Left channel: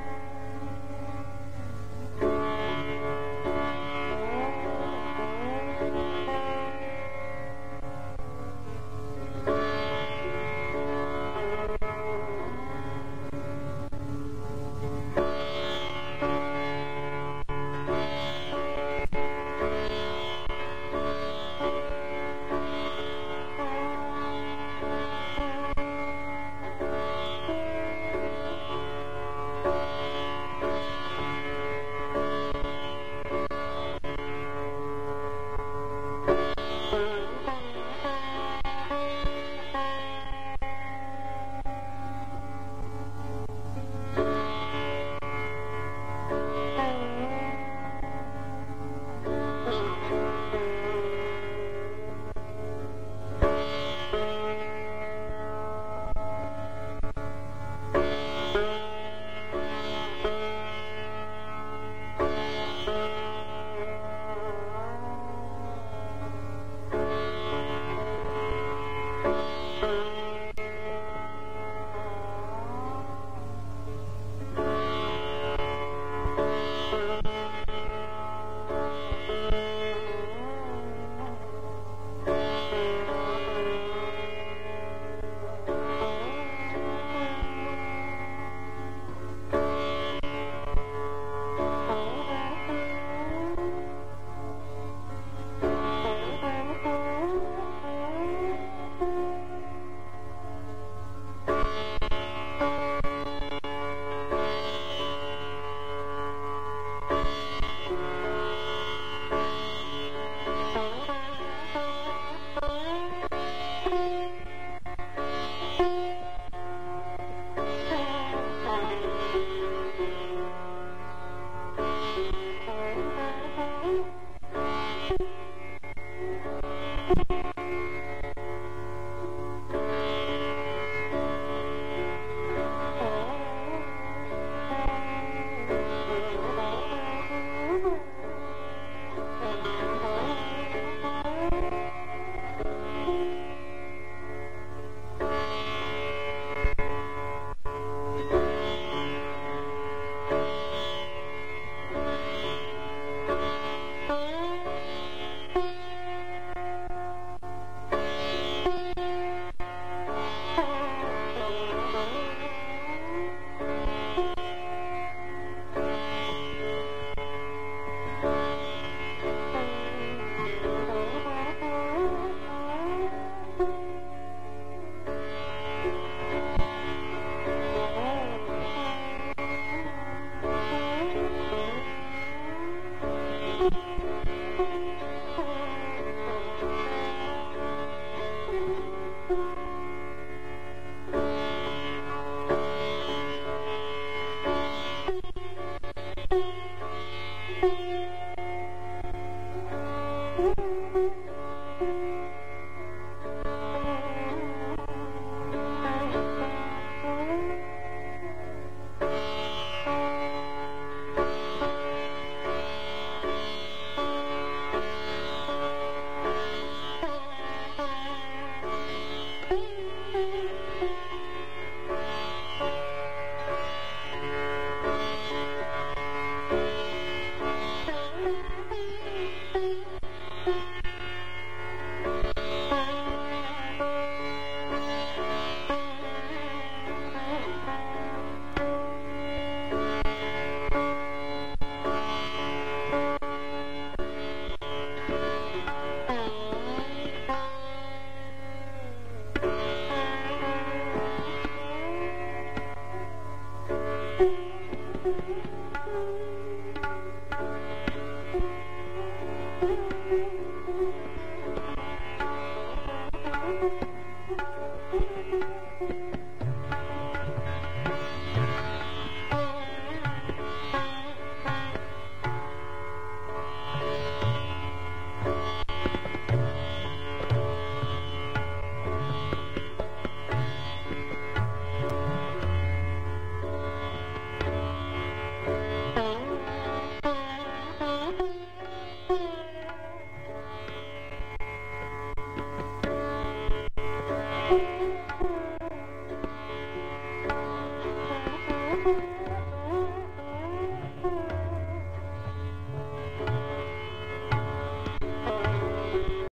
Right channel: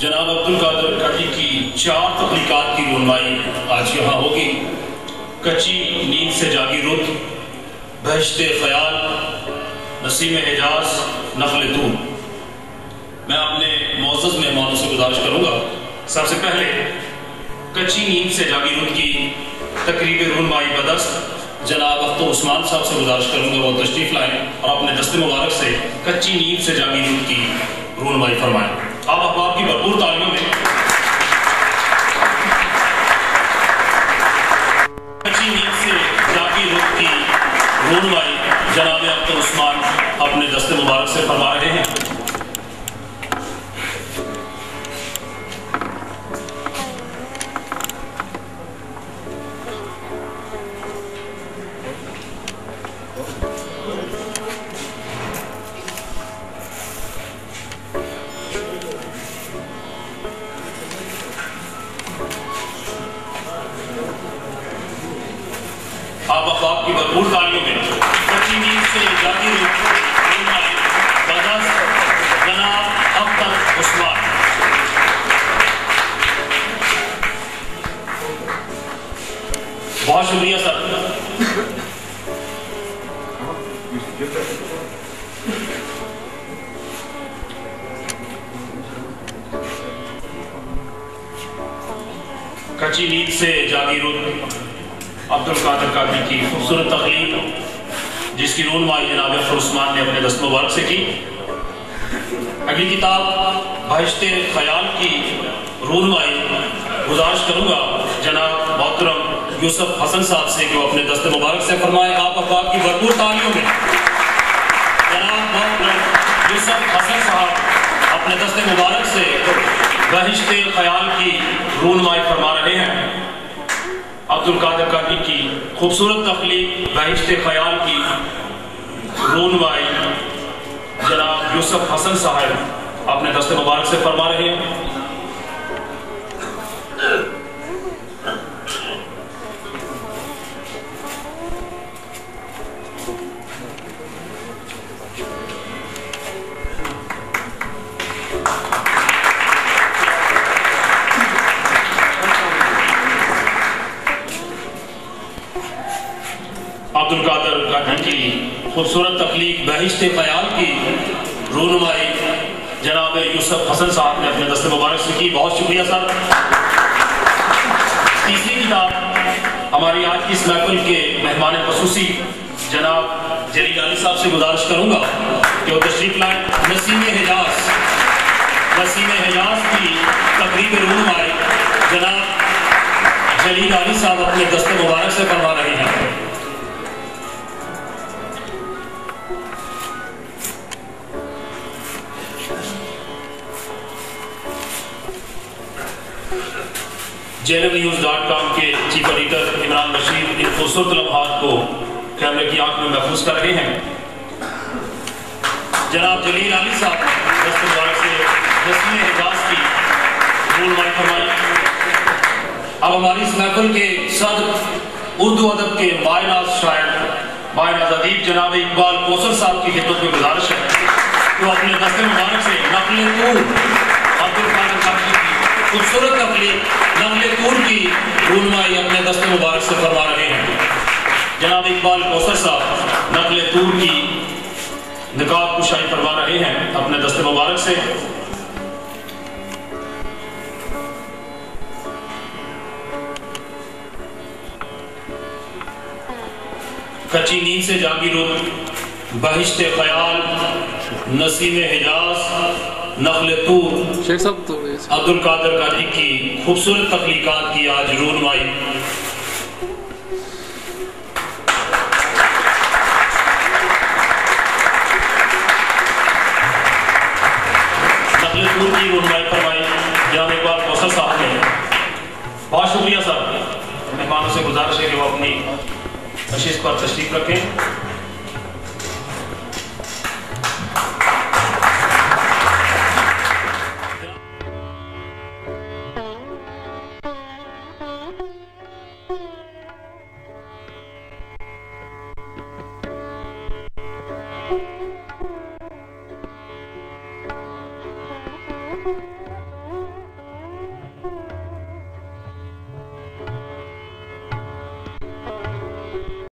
जनाब अब्दुल कादिर काठी की 4 तख्लीकात की रुनमाई आज यहाँ होगी। कच्ची नींद से जागी रुत, बहश्ते ख्याल, नसीम हिजाज, नखल दूर। मैं अपने मोअज़्ज़ज़ मेहमानों से गुजारिश करूँगा, सबसे पहले कच्ची नींद से जागी रुत की तकरीब रुनमाई बदस्त जनाब अख्तर उस्मान साहब से गुजारिश करूँगा वो तशरीफ़ लाएँ और अपने दस्ते मुबारक से कच्ची नींद से जागी रुत की रुनमाई फरमाएँ। आप अहबाब की भरपूर तालियों में कच्ची नींद से जागी रुत की रुनमाई जनाब अख्तर उस्मान अपने दस्ते मुबारक से फरमा रहे हैं। आप अहबाब की भरपूर तालियों में कच्ची नींद से जागी रुत जनाब अख्तर उस्मान। बहुत शुक्रिया सर। कच्ची नींद से जागी रुत अब्दुल कादिर काठी की खूबसूरत तकलीफ जिसकी रुनमाई जनाब अख्तर उस्मान ने अपने दस्त मुबारक से की। अगली किताब बहश्ते ख्याल की रुनमाई गुजारिश करूँगा जनाब मोहतरम यूसुफ हसन साहब से कि वो अपने दस्त मुबारक से फरमाए। आप अहबाब की भरपूर तालियों में जनाब मोहतरम यूसुफ हसन साहब अपने दस्त मुबारक से बहश्ते ख्याल की रुनमाई फरमा रहे हैं। अब्दुल कादिर काठी की खूबसूरत तख्लीक बहिश्ते ख्याल की रुनमाई जनाब यूसुफ हसन साहब अपने दस्ते मुबारक से फरमा रहे हैं। अब्दुल कादिर काठी की खूबसूरत तख्लीक बहिश्ते ख्याल की रुनमाई जनाब यूसुफ हसन साहब ने अपने दस्ते मुबारक से की। बहुत शुक्रिया सर। तीसरी किताब हमारी आज की इस महफिल के मेहमान ख़ुसूसी जनाब जलील अली साहब से गुजारिश करूँगा कि वो तशरीफ़ लाएँ। नसीम हिजाज की तकरीब रुनमाई जनाब जलील अली साहब अपने दस्ते मुबारक से फरमा रहे हैं। JNNews.com के चीफ एडिटर इमरान बशीर इन खूबसूरत लम्हात को कैमरे की आंख में महफूज कर रहे हैं। जनाब जलील अली साहब दस्ते मुबारक से नसीम हिजाज की रुनमाई फरमाई। अब हमारी इस महफिल के सदर उर्दू अदब के मायनाज शायर मायनाज अदीब जनाब इकबाल कौसर साहब की खिदमत में गुजारिश है कि वो अपने दस्ते मुबारक से नक़्ल तूर अब्दुल कादिर काठी की खूबसूरत तकलीफ नक़्ल तूर की रुनमाई अपने दस्ते मुबारक से फरमा रहे हैं। जनाब इकबाल कौसर साहब नक़्ल तूर की निकाब कुशाई फरमा रहे हैं अपने दस्ते मुबारक से। कच्ची नींद से जागी रुत बहिश्ते ख्याल नसीम हिजाज नक़्ल तूर शेख साहब तो अब्दुल कादिर काठी की खूबसूरत तख्लीकात की आज रुनमाई। नक़्ल तूर की रुनमाई फरमाई जनाब इकबाल कौसर साहब ने। बहुत शुक्रिया साहब। मेहमानों से गुजारिश है कि वो अपनी नशिश पर तशरीफ रखें। Thank you.